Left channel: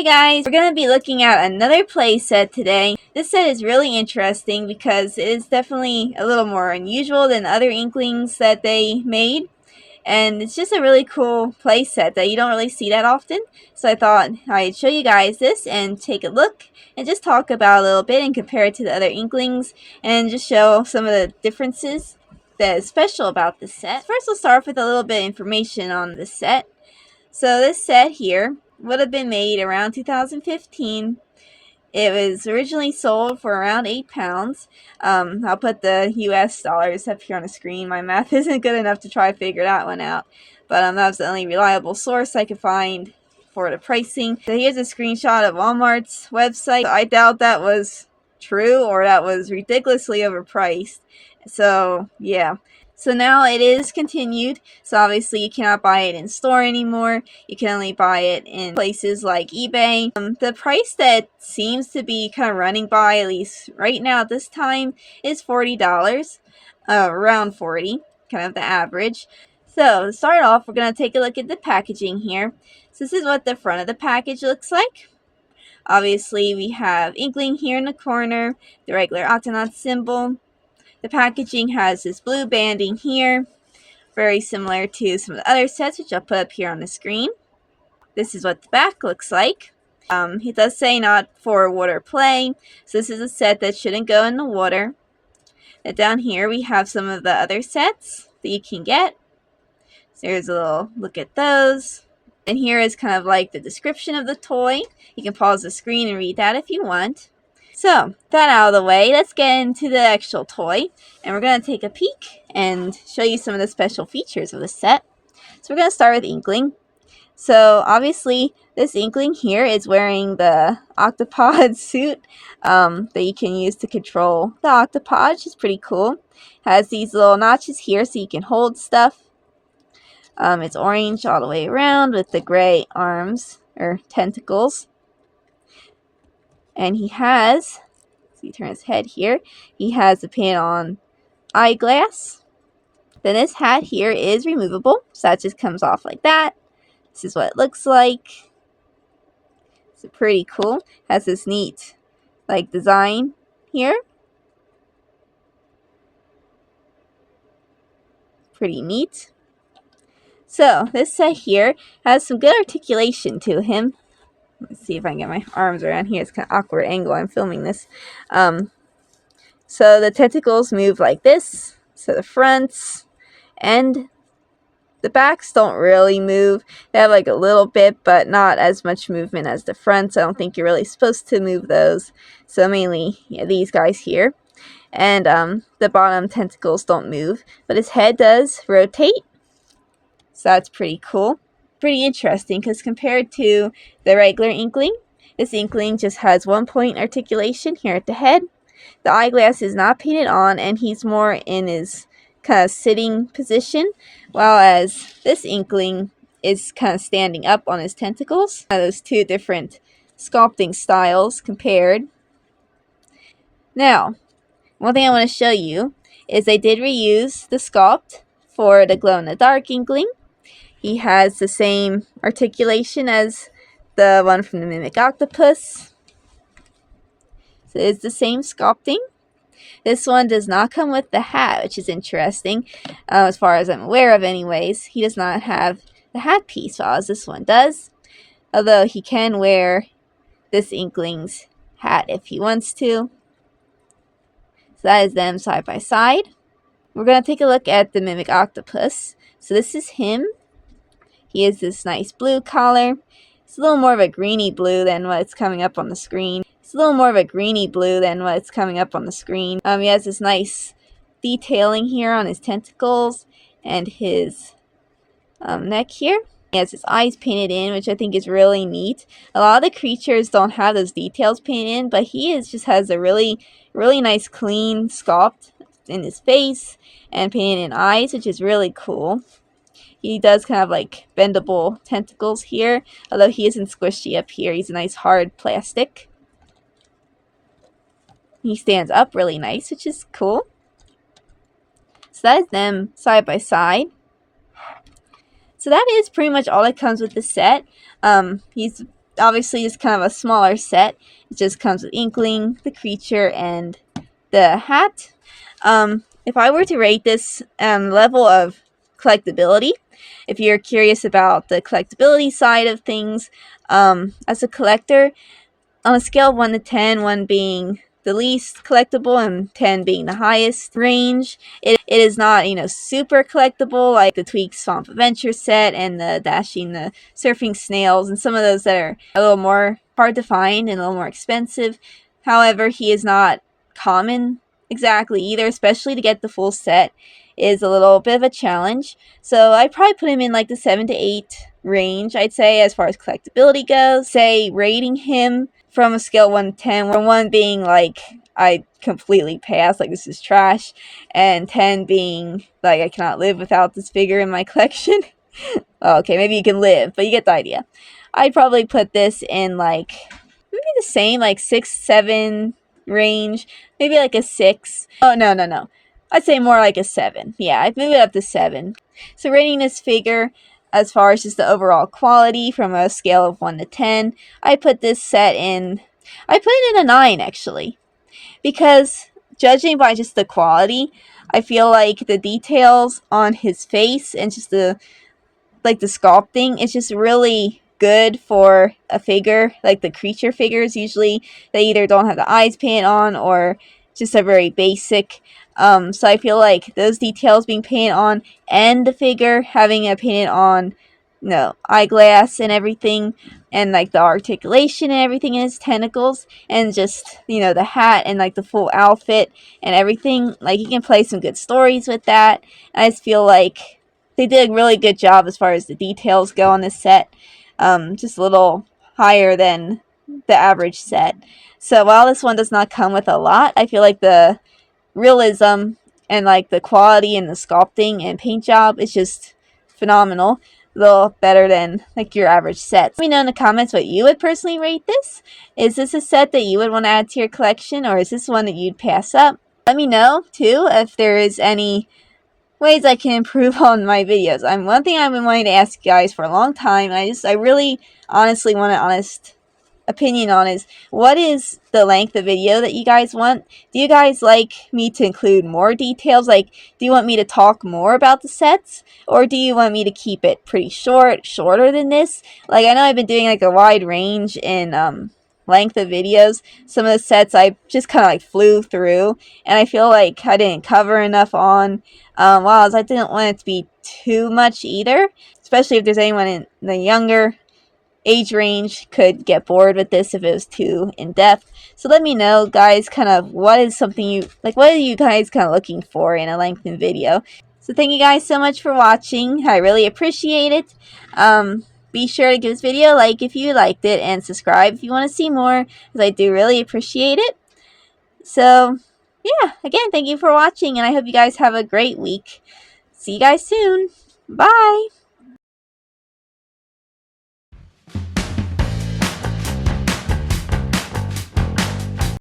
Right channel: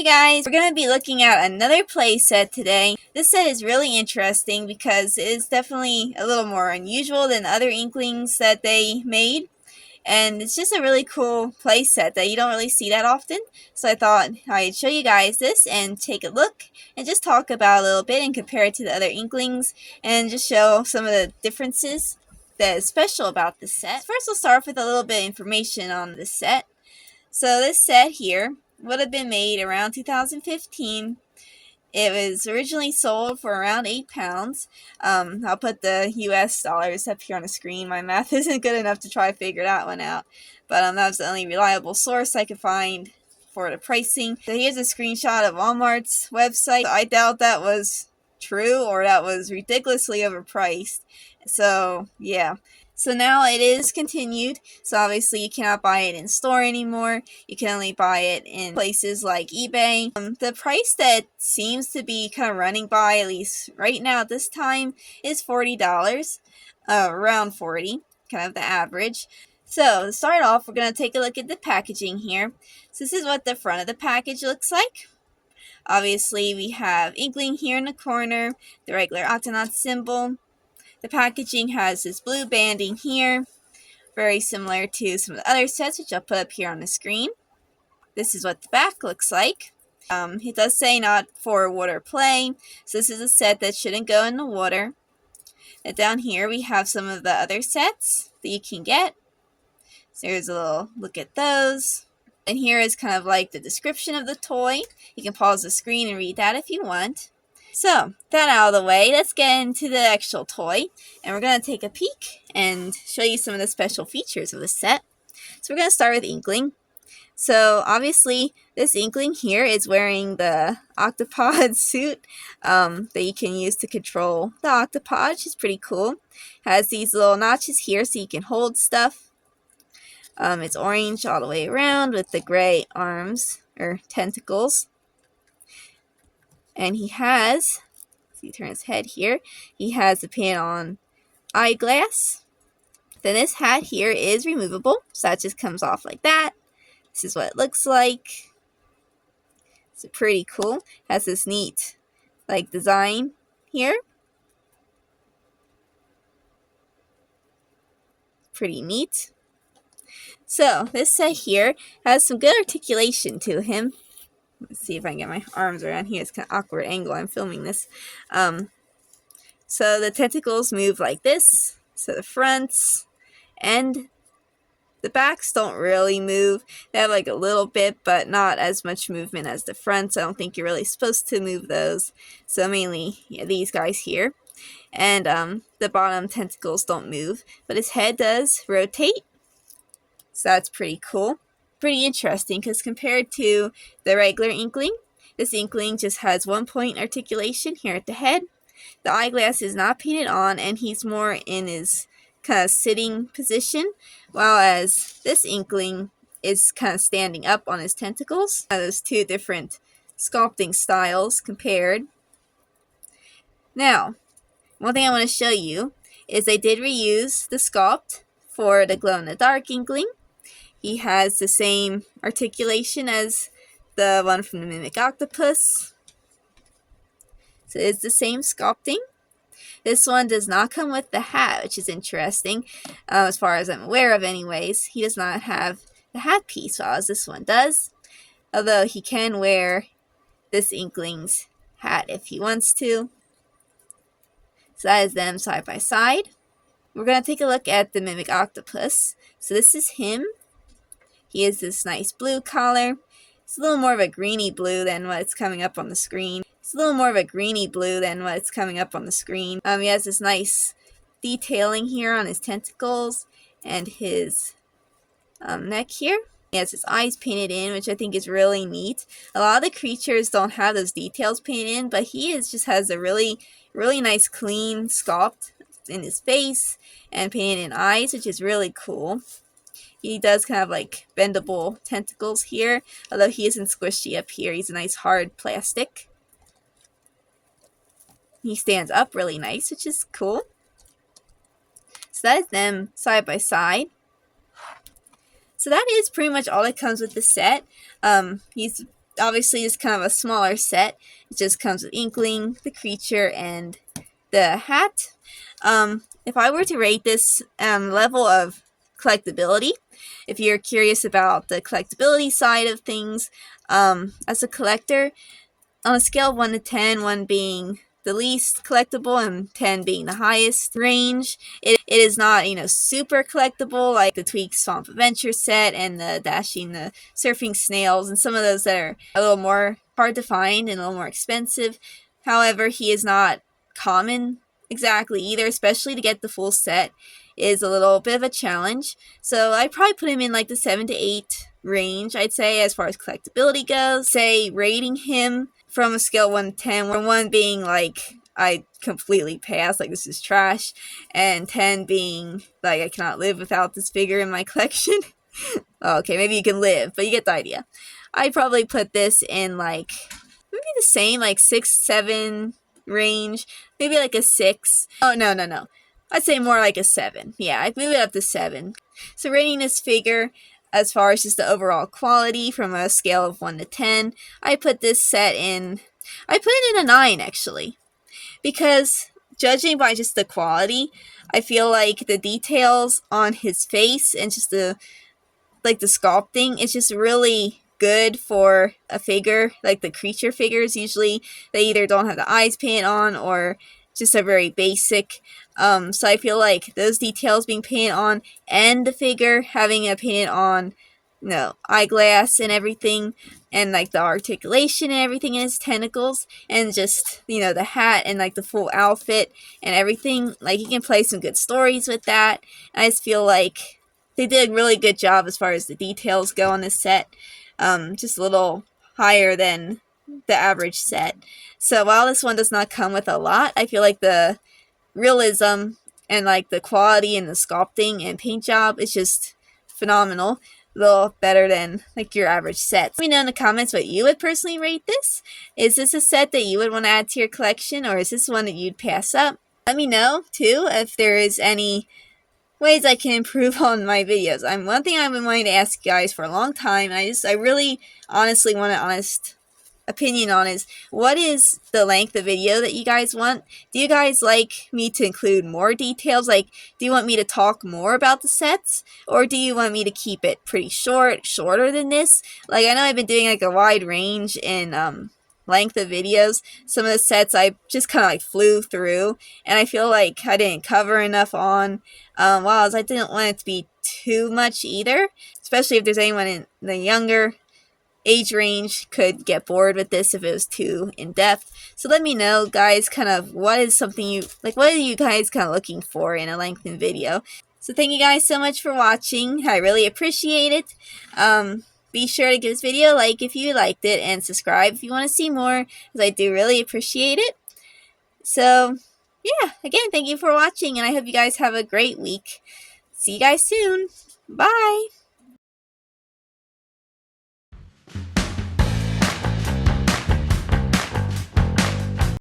Hey guys, we're going to be looking at another play set today. This set is really interesting because it is definitely a little more unusual than other Inklings that they made. And it's just a really cool play set that you don't really see that often. So I thought I'd show you guys this and take a look and just talk about it a little bit and compare it to the other Inklings and just show some of the differences that is special about this set. First, we'll start off with a little bit of information on this set. So this set here would have been made around 2015. It was originally sold for around £8. I'll put the US dollars up here on the screen. My math isn't good enough to try to figure that one out. But that was the only reliable source I could find for the pricing. So here's a screenshot of Walmart's website. I doubt that was true or that was ridiculously overpriced. So yeah. So now it is continued, so obviously you cannot buy it in store anymore. You can only buy it in places like eBay. The price that seems to be kind of running by, at least right now at this time, is $40, around 40, kind of the average. So to start off, we're going to take a look at the packaging here. So this is what the front of the package looks like. Obviously we have Inkling here in the corner, the regular Octonaut symbol. The packaging has this blue banding here, very similar to some of the other sets, which I'll put up here on the screen. This is what the back looks like. It does say not for water play, so this is a set that shouldn't go in the water. And down here we have some of the other sets that you can get. So here's a little look at those. And here is kind of like the description of the toy. You can pause the screen and read that if you want. So, that out of the way, let's get into the actual toy, and we're going to take a peek and show you some of the special features of the set. So we're going to start with Inkling. So obviously, this Inkling here is wearing the octopod suit that you can use to control the octopod, which is pretty cool. Has these little notches here so you can hold stuff. It's orange all the way around with the gray arms, or tentacles. And he has, so you turn his head here, he has a pin-on eyeglass. Then this hat here is removable, so that just comes off like that. This is what it looks like. It's pretty cool. Has this neat, like, design here. Pretty neat. So, this set here has some good articulation to him. Let's see if I can get my arms around here. It's kind of awkward angle. I'm filming this. So the tentacles move like this. So the fronts and the backs don't really move. They have like a little bit, but not as much movement as the fronts. I don't think you're really supposed to move those. So mainly these guys here. And the bottom tentacles don't move. But his head does rotate. So that's pretty cool. Pretty interesting because compared to the regular Inkling, this Inkling just has 1 point articulation here at the head. The eyeglass is not painted on, and he's more in his kind of sitting position, while as this Inkling is kind of standing up on his tentacles. Those two different sculpting styles compared. Now, one thing I want to show you is they did reuse the sculpt for the glow-in-the-dark Inkling. He has the same articulation as the one from the Mimic Octopus. So it's the same sculpting. This one does not come with the hat, which is interesting. As far as I'm aware of anyways, he does not have the hat piece, while as this one does. Although he can wear this Inkling's hat if he wants to. So that is them side by side. We're going to take a look at the Mimic Octopus. So this is him. He has this nice blue collar. It's a little more of a greeny blue than what's coming up on the screen. He has this nice detailing here on his tentacles and his neck here. He has his eyes painted in, which I think is really neat. A lot of the creatures don't have those details painted in, but he just has a really nice clean sculpt in his face and painted in eyes, which is really cool. He does kind of like bendable tentacles here, although he isn't squishy up here. He's a nice hard plastic. He stands up really nice, which is cool. So that is them side by side. So that is pretty much all that comes with the set. He's obviously it's kind of a smaller set. It just comes with Inkling, the creature, and the hat. If I were to rate this level of collectability, if you're curious about the collectability side of things, as a collector, on a scale of 1 to 10, 1 being the least collectible and 10 being the highest range, it is not, super collectible like the Tweak Swamp Adventure set and the Dashing the Surfing Snails and some of those that are a little more hard to find and a little more expensive. However, he is not common exactly either, especially to get the full set is a little bit of a challenge. So I'd probably put him in like the 7 to 8 range, I'd say, as far as collectability goes. Say rating him from a scale of 1 to 10, where 1 being like I completely pass, like this is trash, and 10 being like I cannot live without this figure in my collection. Okay, maybe you can live, but you get the idea. I'd probably put this in like maybe the same, like 6, 7 range, maybe like a 6. Oh, no. I'd say more like a 7. Yeah, I'd move it up to 7. So rating this figure as far as just the overall quality from a scale of 1 to 10, I put this set in, I put it in a 9 actually. Because judging by just the quality, I feel like the details on his face and just the sculpting is just really good for a figure. Like the creature figures, usually they either don't have the eyes painted on or just are very basic. So I feel like those details being painted on and the figure having a painted on, eyeglass and everything, and like the articulation and everything in his tentacles, and just, the hat and like the full outfit and everything, like you can play some good stories with that. I just feel like they did a really good job as far as the details go on this set. Just a little higher than the average set. So while this one does not come with a lot, I feel like the realism and like the quality and the sculpting and paint job is just phenomenal. A little better than like your average set. Let me know in the comments what you would personally rate this. Is this a set that you would want to add to your collection, or is this one that you'd pass up? Let me know too if there is any ways I can improve on my videos. One thing I've been wanting to ask you guys for a long time, and I really honestly want an honest opinion on, is what is the length of video that you guys want? Do you guys like me to include more details? Like, do you want me to talk more about the sets, or do you want me to keep it pretty shorter than this? Like, I know I've been doing like a wide range in length of videos. Some of the sets I just kind of like flew through, and I feel like I didn't cover enough on, while I didn't want it to be too much either, especially if there's anyone in the younger age range could get bored with this if it was too in-depth. So let me know, guys, kind of what is something you like, what are you guys kind of looking for in a lengthened video. So thank you guys so much for watching. I really appreciate it. Be sure to give this video a like if you liked it, and subscribe if you want to see more, because I do really appreciate it. So yeah, again, thank you for watching, and I hope you guys have a great week. See you guys soon. Bye!